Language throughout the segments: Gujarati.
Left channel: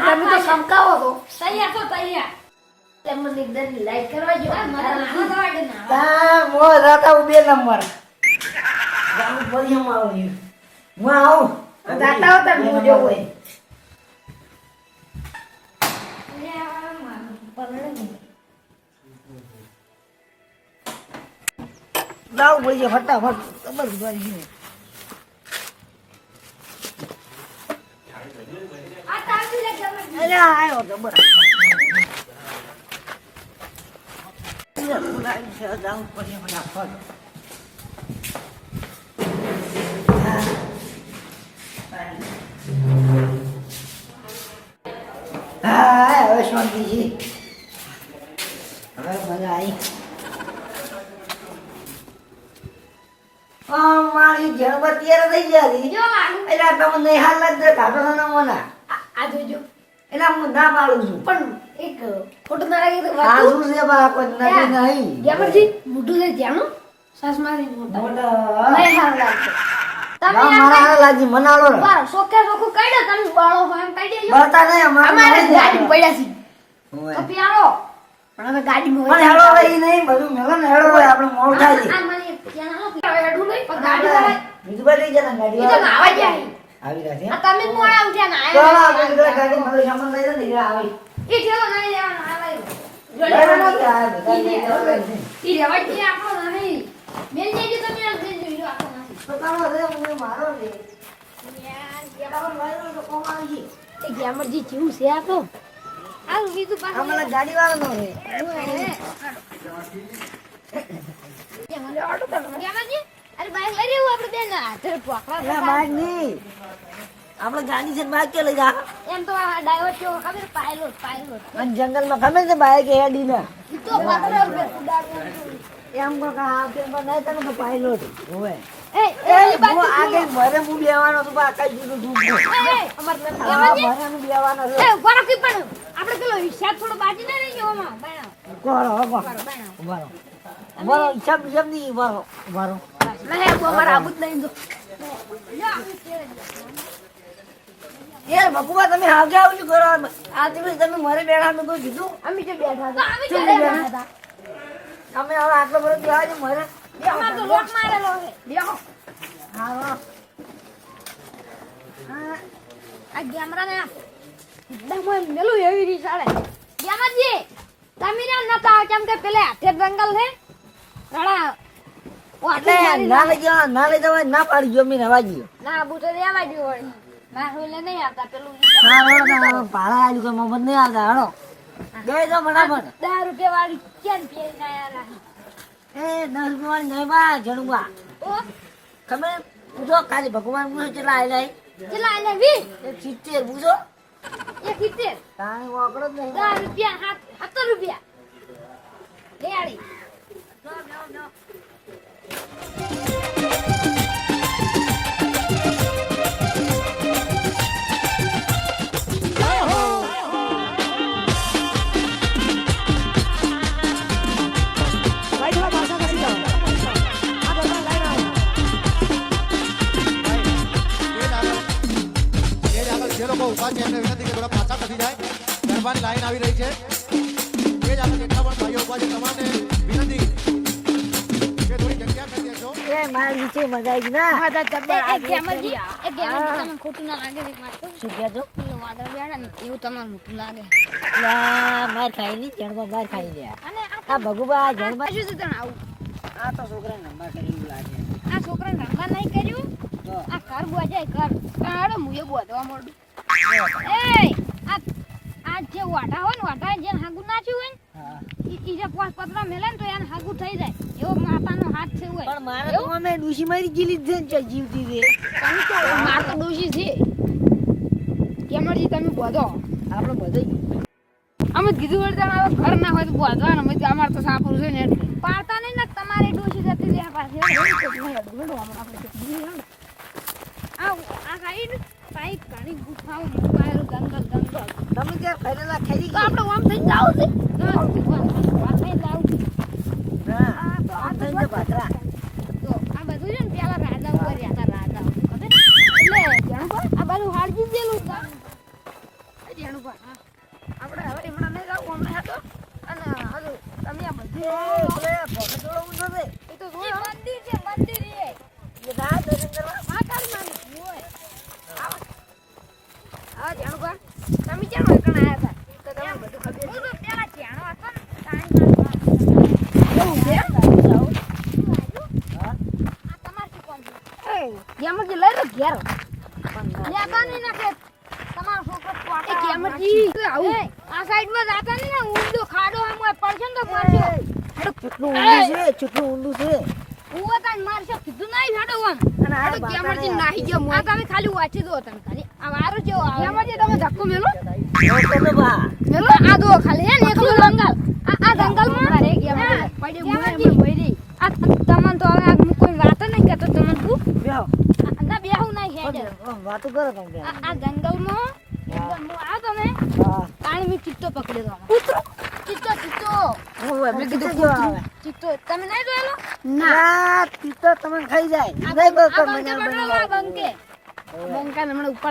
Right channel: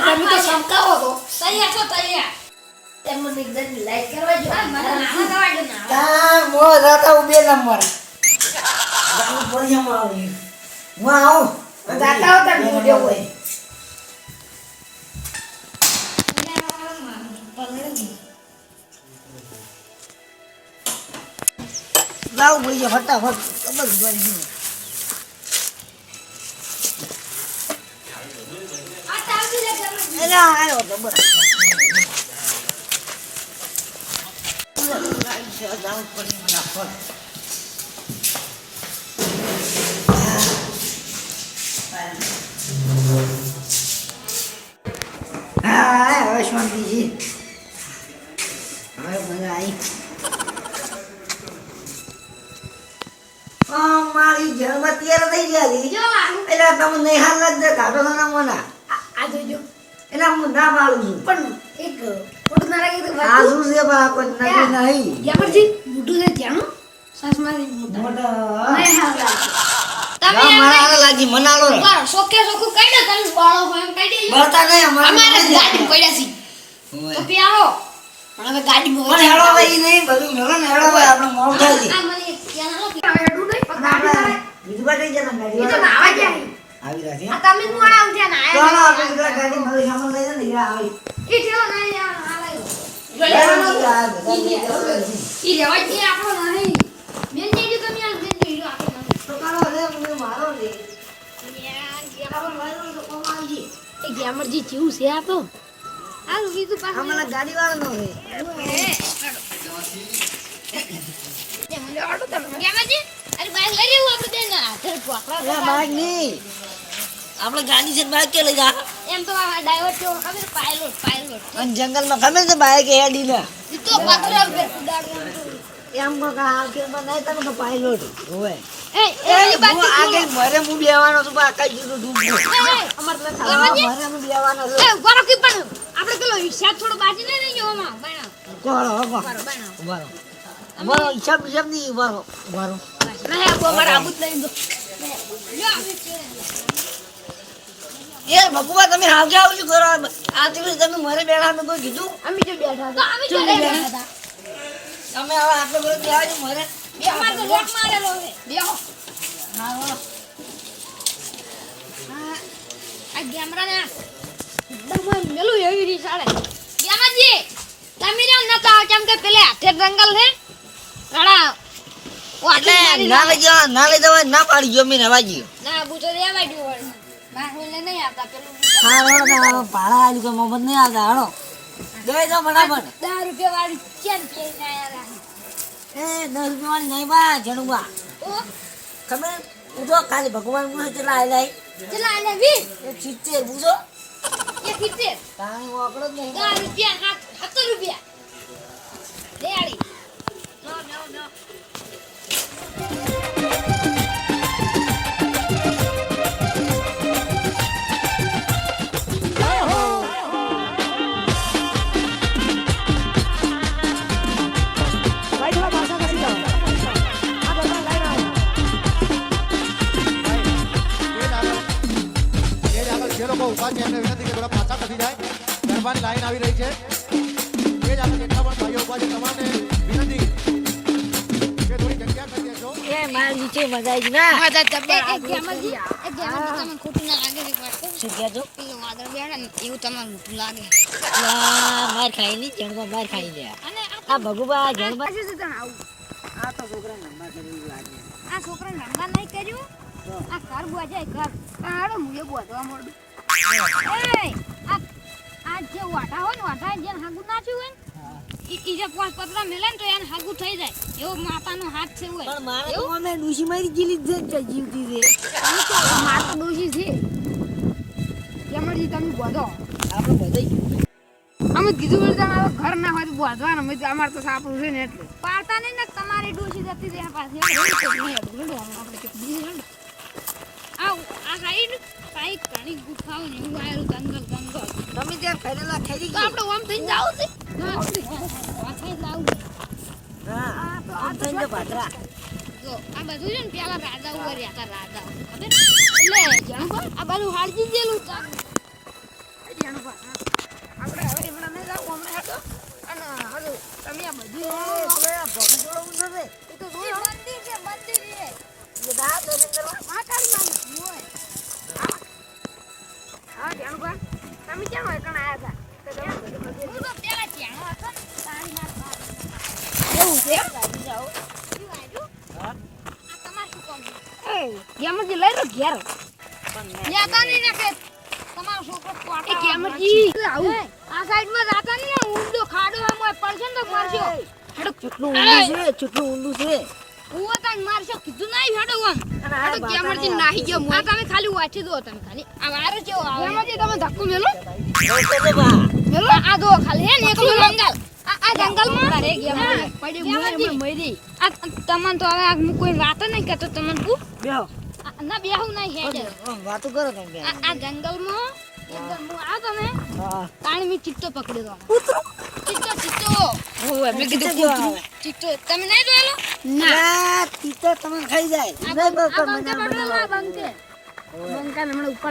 તમે તો સમકાવો તો તૈયાર છો તૈયાર. તેમને એકદમ લાઈક કરવા જો. આ મને નાના દવા દે ના. ત્યાં મો રાતા ઉભે નંબર ગામ ફળિયામાં આવું હું આવું જાતા હોતા ને હું જવું હોય. જાવ ભાઈ ફટાફટ ખબર જ પડી ગઈ. આ તાવથી લે ગેમરજી અરે આ આવ્યો તો બરાબર પૂરે પૂરા આવી છે, જાવું જ પડે ફટાફટ. હા હવે શાંતિ છે હવે મજા આવી. મારી જળમાં તૈયાર થઈ ગયા એટલે તમે નહીં હાલ કાઢો ના મોના આ જોજો. એના હું ના પાડું છું. પણ એક ખોટું ના લાગે તો આ શું છે બા કોઈ નહીં. ગેમરજી મોઢું છે ત્યાંનું સાસ મારી મોઢા. મોટા મેં હાલ લાગે. તમે મારા લાગી મનાલો રે બાર સોકું કઈ દે તમે બાળો એમ કઈ દેજો બળતા નહીં અમારે ગાડી પડ્યા છે તો પ્યારો પણ હવે ગાડી પણ હેળો હવે ઈ નહીં બધું મેળો ને હેળો હવે આપણે મોડું થાય. છે આ મને ત્યાં નો હવે હેડું નહીં. પણ આપણે બીજું બાજુ જતા ગાડી તો નાવા ગયા આવી. રહ્યા છે. આ તમે જ મોડા ઉઠ્યા ને તો આયા આપણે પેલા ગાડી મારી સામાન લઈ જાય ને આવી. ઈ ઠેલો લઈ આ લઈ લઈ લેવાનો છે, આ બધા લઈ જવાનું છે. ઈ રેવાય છે આપણો નહીં. મેલ દેજો તમે આ મેલ આપણો નહીં તો તારો હવે મારો રે યાર તારો લઈ તો કોમ આવી જાય. એ ગેમરજી છે આ તો. પાછું મને ગાડી વાળો નો રે છે ને કે લઈ જા? એમ તો ડ્રાઈવર કેવો ખબર પાયલોટ પાયલોટ અને જંગલમાં ખબર છે બાઈક હેડી ને? તો પથરા ઉપર કુદાડવાનું એમ કો કા આ કે બનાય તને તો પાયલોટ હોવે એ એ એ મરે હું બેવાનો છું આ કઈ જુદું ડૂબો અમાર તો મરે હું બેવાનો એ ગોરો કી પણ આપણે પેલો હિસાબ થોડો બાજી ને નહીં જોવામાં બનાવ કોરો બરો હિસાબ હિસાબ નહીં લઈ દો તમે કરો? આ તમે મરે બેઠા મેં કોઈ કીધું? અમે જે બેઠા હતા. બેઠા? હતા તમે હવે આટલો બધો કહેવા છો મરે. બે અમાર તો લોક મારેલો છે. બેહો હા. હા. આ ગેમરા ને દમન મેલું એવી રી સાડે ગેમાજી તમે રે આવ કેમ કે પેલે હાથે જંગલ છે? એટલે ના લઈ જવા ના લઈ જવા ના પાડી ગયો મેં હવા ગયો. ના બુતો દો વળી મારું લે નહીં આવતા પેલું હા ભાડા આજુ કોઈ મોહમ્મદ નહીં આવતા ગઈ તો ફટાફટ. દસ રૂપિયા વાળી ચેન કે એ નહીં બા ઓ ખબર પૂછો ખાલી ભગવાન પૂછો કેટલા આયલા ચલા આલે વી એક સિત્તેર પૂછો. એક સિત્તેર? તાણે વાકડો જ નહીં. રૂપિયા રૂપિયા. ગરબાની લાઈન આવી રહી છે. એ જ આપણે જેટલા પણ ભાઈઓ ઊભા છે તમારે વિનંતી કે થોડી જગ્યા કરી દેશો. એ મારા નીચે મજા આવી ના. મજા જબ્બર એક એક ગેમજી એક ગેમજી તમને ખોટું ના લાગે એક વાત શું? કહેજો? પેલું વાદળ બેઠા ને એવું તમને મોટું લાગે. લા, માર ખાઈ ની જણબા માર ખાઈ લે. અને આ ભગુબા જણબા શું છે તને આવું? આ તો છોકરા નંબર કરીને લાગે. આ છોકરા નંબર નહીં કર્યું? તો. આ ઘર બોજાય ઘર. પણ બોધવા મોડું એ આ આ જે વાટા હોય ને વાટા જેને હાગુ નાચ્યું હોય ને જે પાંચ પતરા મેલે ને તો એને હાગુ થઈ જાય. એવો માતાનો હાથ છે હોય. પણ મારે તો અમે ડૂસી મારી ગીલી જ જીવતી રે હું તો માતા દોષી છે. કેમરજી તમે બોધો? આપણે બધે અમે કીધું હોય તો અમારો ઘર ના હોય તો બોધવાનું. અમે અમારે તો સાપું છે ને પાડતા નહીં ને તમારે ડોશી જતી રહે પાસે આપણે આ આ સાઈડ ઘણી ગુફાઓ ને એવું આયેલું જંગલ જંગલ તમે ત્યાં ફેરેલા થઈ ગયા? આપણે થઈને જાવ છે. આ જાવ હા આ તો આ આમ તો. આ બધું છે ને પેલા રાજા ઉપર રહ્યા હતા રાજા ખબર? એટલે જાણો આ બાજુ હાડજી છે. જાણો આપણે હવે હમણાં નહીં જાવ હમણાં હતો અને હજુ તમે આ બધું એ, ઓલે આ ભોગો છે. એ તો જોયો મંદિર છે મંદિર છે એ જા દર્શન કરવા. માતાડી માની હોય હા જાણો તમે કેમ એકણ આયા હતા તો તમને બધું ખબર છે પેલા જાણો હતો એવું છે હા? ગેમરજી લઈ લો ઘેર પણ ના. જાતા નહીં ને કે તમારો છોકરો કોટા એ ગેમરજી આવું આ સાઈડમાં જાતા નહીં ને ઊંડો ખાડો આમ હોય પડશે ને તો મારશો હેડો ચૂંટલું છે ઊંધું છે. હું તાન મારશો કીધું નહીં હેડો આમ. અને આ હેડો બાપા ગેમરજી ને નાહી ગયો મોય. તમે ખાલી વાંચી દો તમે ખાલી. આ વારો જેવો આવે. ગેમરજી તમે ધક્કો મેલો? તો તો બા. મેલો? આ દો ખાલી હે ને એકલું જંગલ. આ આ જંગલમાં? અરે ગેમરજી મરી. આ તમને તો હવે આ કોઈ વાત નહીં કરતો તમને તું. બેહો. ના બેહું નહીં હેડે. વાતો કરો તમે આ આ જંગલમાં ચિત્તો તો તમે નહીં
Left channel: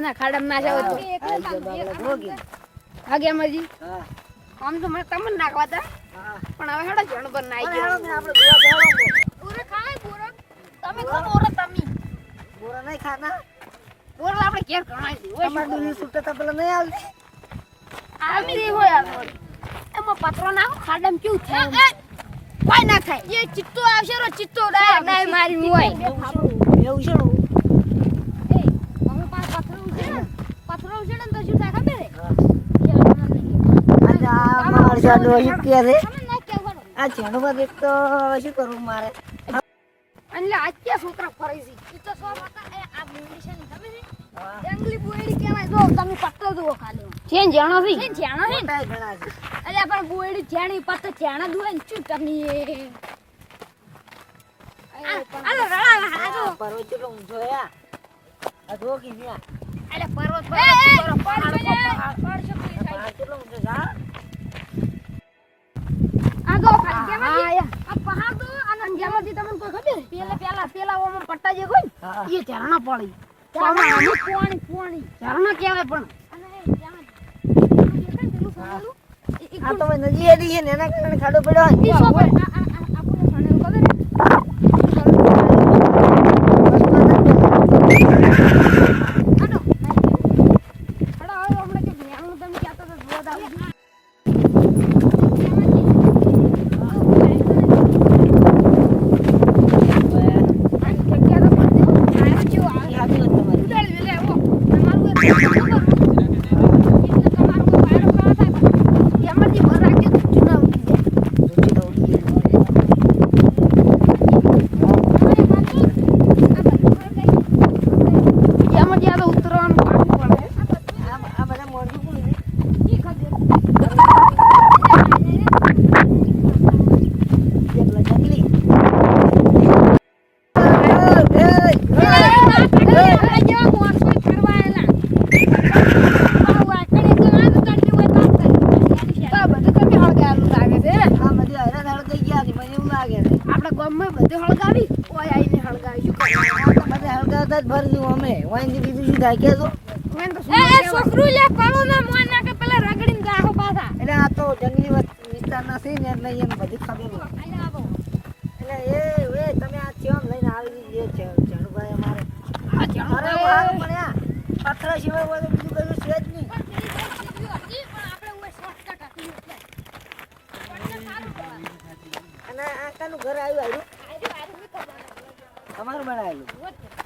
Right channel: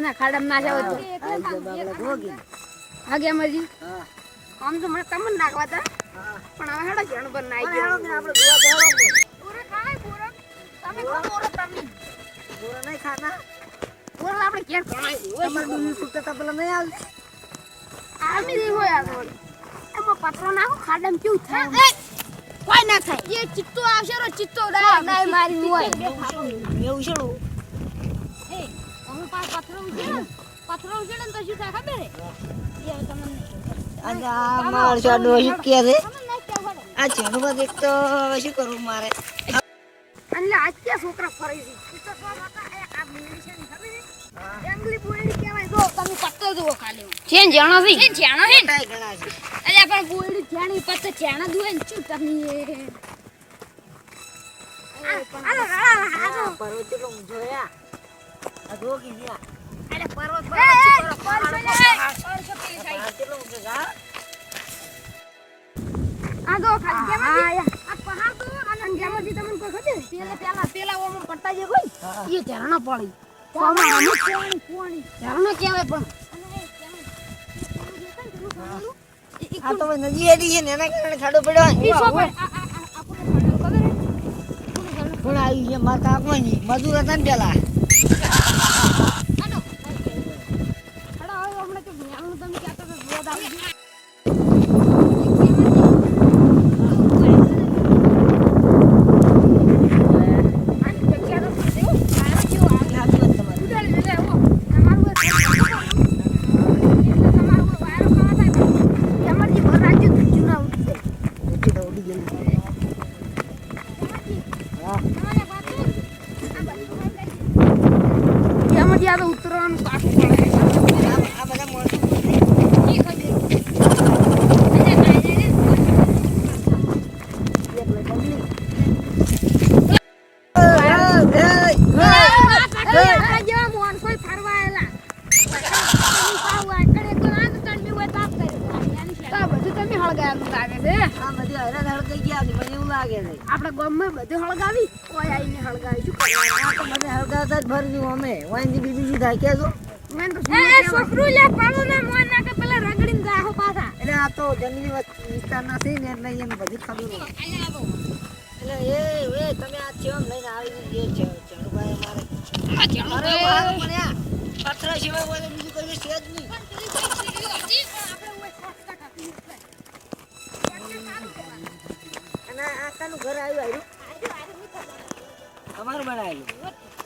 ના ખાડા ના જાવ જોગી. આ ગયા મરજી હા, આમ તો નાખવા તા પણ તમે ખો તમે ખાના? પૂરે આપણે ઘેર ભણાઈ દીધું તમારે ડુંગળી ફૂટતા તા પેલા નહીં આવતી? આવી રહી હોય આ એમાં પતરો નાખો ખાડમ કેવું થાય કોઈ ના થાય. એ ચિત્તો આવશે રો ચિત્તો ડાય. ડાય મારી હોય. એવું છે? એ અમે પાસ પથરો ઉજે ને પથરો ઉજે ને તો શું થાય ખબર હે આ માર જાડો શું કે રે આ ઝાડુમાં દેખ તો હવે શું કરવું મારે? એટલે આજ ક્યાં છોકરા ફરી છે? આ બુરડી છે ને ખબર છે જંગલી બુરડી કહેવાય. જો તમે પત્તો જુઓ ખાલી. છે જાણો છે છે જાણો છે મોટાય ઘણા છે. અરે પણ બુરડી જાણી પત્તો જાણા દુએ ને શું કરની અરે રડા આ પર્વત કેટલો ઊંચો છે આ. આ જો કે ત્યાં. અરે પર્વત પર્વત પહાડ પહાડ આ પહાડ કેટલો ઊંચો છે આ? આ ખાલી જેમાંથી આ પહાડ તો અને જેમાંથી તમને કોઈ ખબર? પેલા પેલા પેલા ઓમાં પટ્ટા જે કોઈ. એ ઝરણા પડી. પાણી પાણી પાણી ઝરણા કહેવાય પણ આ તો નદી છે ને એના કારણે ખાડો પડ્યો હોય ને. બધું હતા પેલા. એ હાચી વાત તમારી. ઊંચી તો ઉડી ગયેલી. આ આ બધા માણસો એકલા જંગલી. આ બધી હેરાન હળગાઈ ગયા છે, મને એવું લાગે છે. આપડા ગામમાં બધે હળગાવી ઓય આઈને હળગાવી શું કરવાનું આ તો બધા હળગાવતા જ ભરી દીધું અમે. વાંજી બીજી જી ઢાંકીએ છો. એ છોકરું લે પડો ને મોન નાખે પેલા રગડીને ગાહો પાછા. એટલે આ તો જંગલી વસ- વિસ્તારના છે ને એટલે એને બધી ખબર એટલે એ એ તમે આ ચેમ લઈને આવી ગયો છે ઝાડુભાઈ અમારે. આ બહાર પડ્યા પથરા સિવાય તો બીજું કઈ છે જ નહીં. અને આ કાનું ઘર આવ્યું આવ્યું? તમારું બનાવેલું.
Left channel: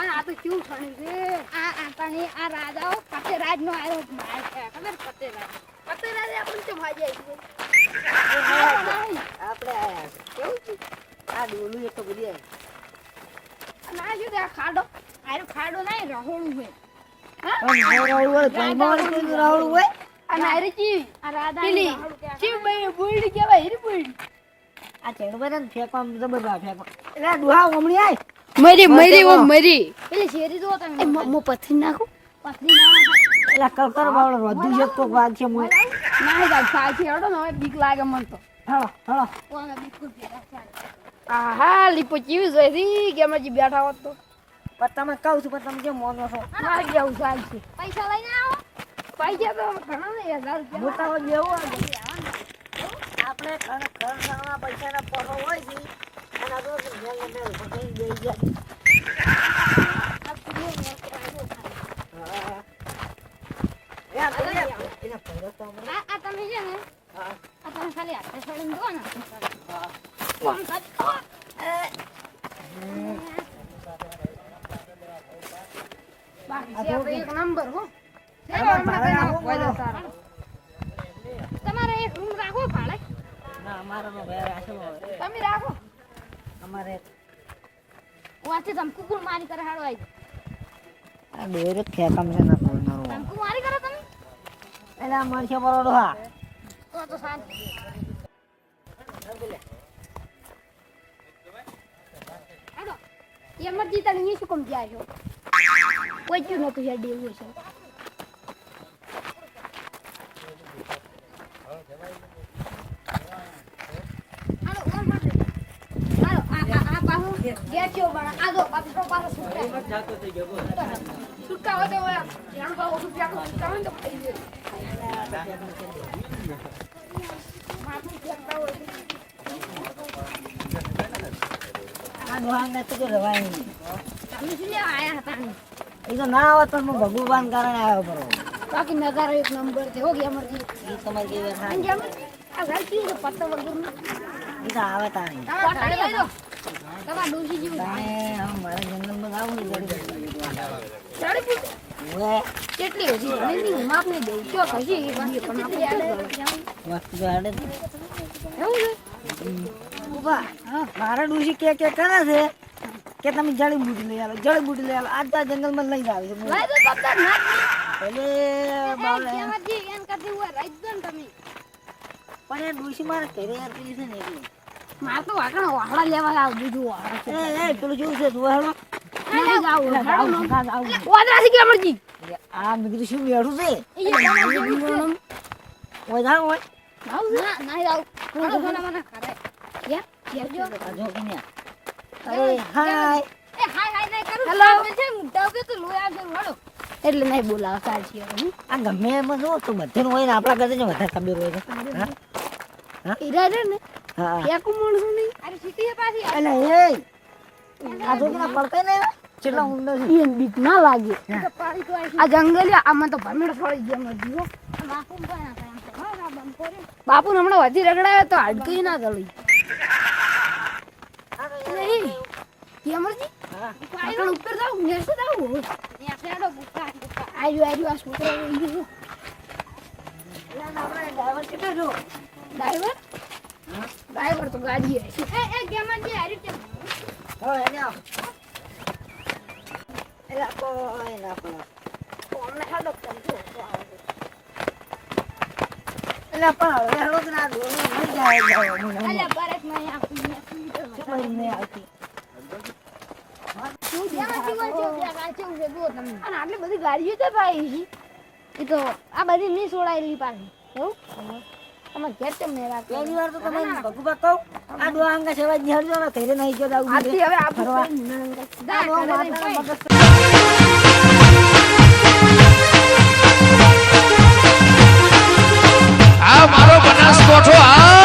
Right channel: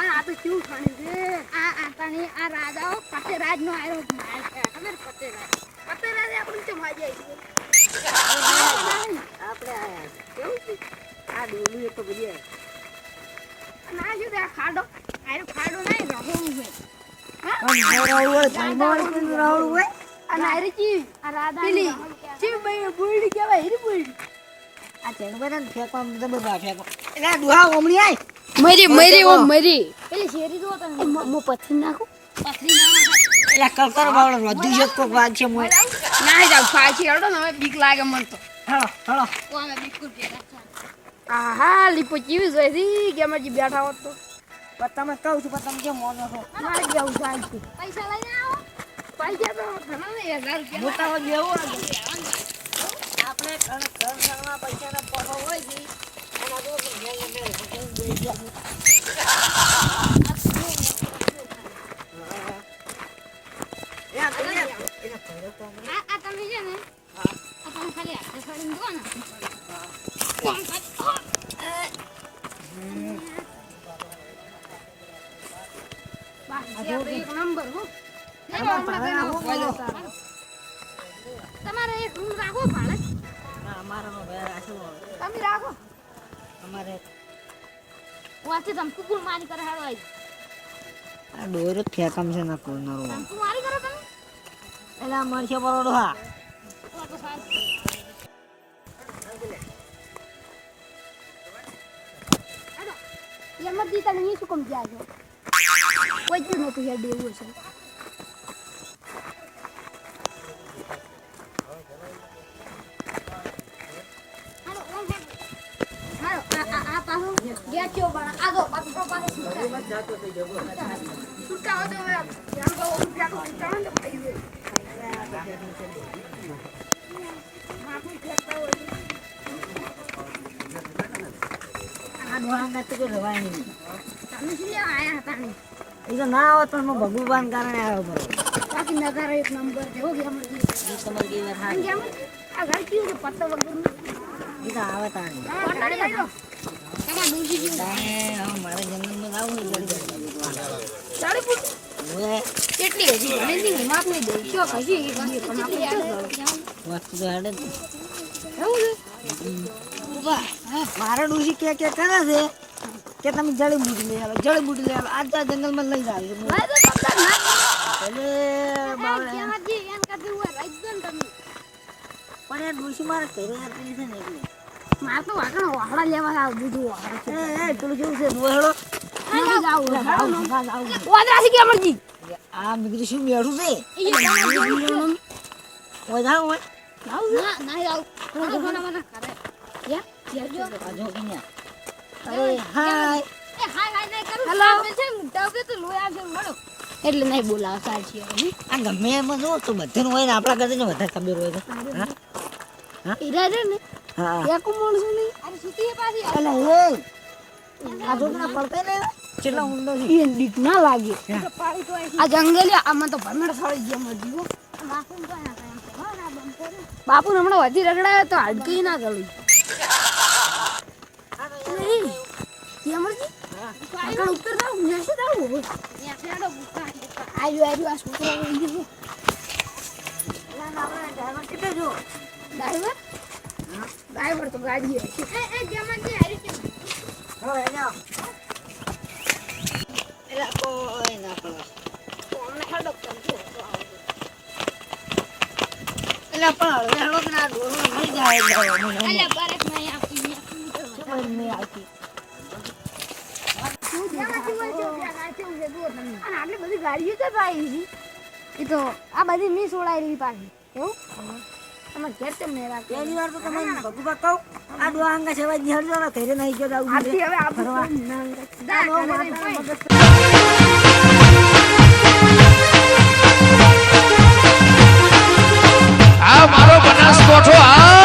આ તો કેવું ઠણી છે? આ આ તને આ રાજાઓ કતે રાજ નો આયો માર છે. ખબર કતે રાજ કતે રાજ આપણે કેમ આવી આપણે કેવું છે? આ ડોલું એક બધી આ ખાડો? આરો ખાડો નહીં રહું છે પણ નવરાવું હોય? અને આરી આ રાધા પેલી ચી બઈ કેવાય હીરી બુડી આ ચેડુભાઈ ને જબર ફેંકો એટલે દુહા ઓમણી આય. મરી મરી ઓ મરી. એટલે શેરી જો તમે. મો પથરી નાખો. પથરી નાખો. એટલે કલકર બાવળ રોધુ જત કોક વાગ છે મોય ના જાવ પાછી હડો ને હવે બીક લાગે મન તો. હળો હળો અમે બિલકુલ ભેગા આહા લીપો ચીવી જોઈ રી કે અમે બેઠા હોત તો? પણ તમે કહું છું પણ તમે કેમ મોનો છો? ના જાવ જાય છે. પૈસા લઈને આવો. પૈસા તો ઘણા ને હજાર રૂપિયા. મોટા બેવું આપણે ઘર ઘર પૈસાના પરો હોય છે. આ તમે છે ને. આ તમે ખાલી હાથે છોડીને દો ને વાથી તમ કુકુર મારી કરે હાડો આઈ આ ડોરો ફેંકામ છે ના કોરનારો કુકુર મારી કરો તમે એલા મરશે બરોડો હા. તો તો શાંતિ હેડો. એમાં દી તને શું કમ જાય છો? કોઈ જ નતું યાર દેવું છે બેઠ્યો પણ આ તો પાછું છૂટા. છૂટા હોય તો હવે ધ્યાન કરો, ઓલું ફેંકો, છૂટા હોય ને તો પડી જાય. માથું ફેંકતા હોય. આ ડોહાંગા તો રવાય નહીં તમે શું હતા ભગવાન કારણે આવ્યો બરો બાકી નગારો એક નંબર છે હો ગયા મરજી આ ઘર કેવું છે પત્તો વગર આવે તાણી મારે આવું કેટલી હજી હજી આવે. મારા ડુસી કે કે કરે છે કે તમે જડીબુટી લઈ આવો જડીબુટી લઈ આવે આજ જંગલમાં લઈ તમે પણ એ ડુસી મારે ઘરે આપેલી છે ને એટલે મારે તો વાકણ વાહડા લેવા આવજો જો વાહડા છે પેલું કે અમરજી આ શું છે? એ ના. ના મને કરે યા જેજો કે. અરે હાય. એ હાય હાય નહીં કરું. હેલો. છે મુદ્દા તો લો આવજો મળો એટલે નહીં બોલાવ સાચી આ ગમે એમ જો તો બધાનું હોય ને આપણા કરતા ને વધારે ખબર હોય હા? ઈરા રે ને? હા. એકું માણસ નહીં? અરે સીધી પાછી. એટલે એ આ જો ના ને કેટલા ઊંડો છે એ બીક ના લાગે. આ જંગલ આમાં તો ફળી ગયા બાપુ હમણાં વધી રગડાયો તો હાડકી ના ગળી. નહીં. કેમરજી આગળ ઉત્તર જાવ નેસે જાવ આયુ આયુ આ છોકરો ડ્રાઈવર કેટલો જો ડ્રાઈવર? આટલી બધી ગાડીઓ તો ભાઈ. એ તો આ બધી નહીં સોડાયેલી પાછી. એવું તમારે ઘેર તો મેળા પહેલી વાર તો તમે ભગુબા કહું આ ડોહા અંગા સેવા જહેરજો ને ઘરે ગયો આવું હવે આ મારો બનાસકોઠો આ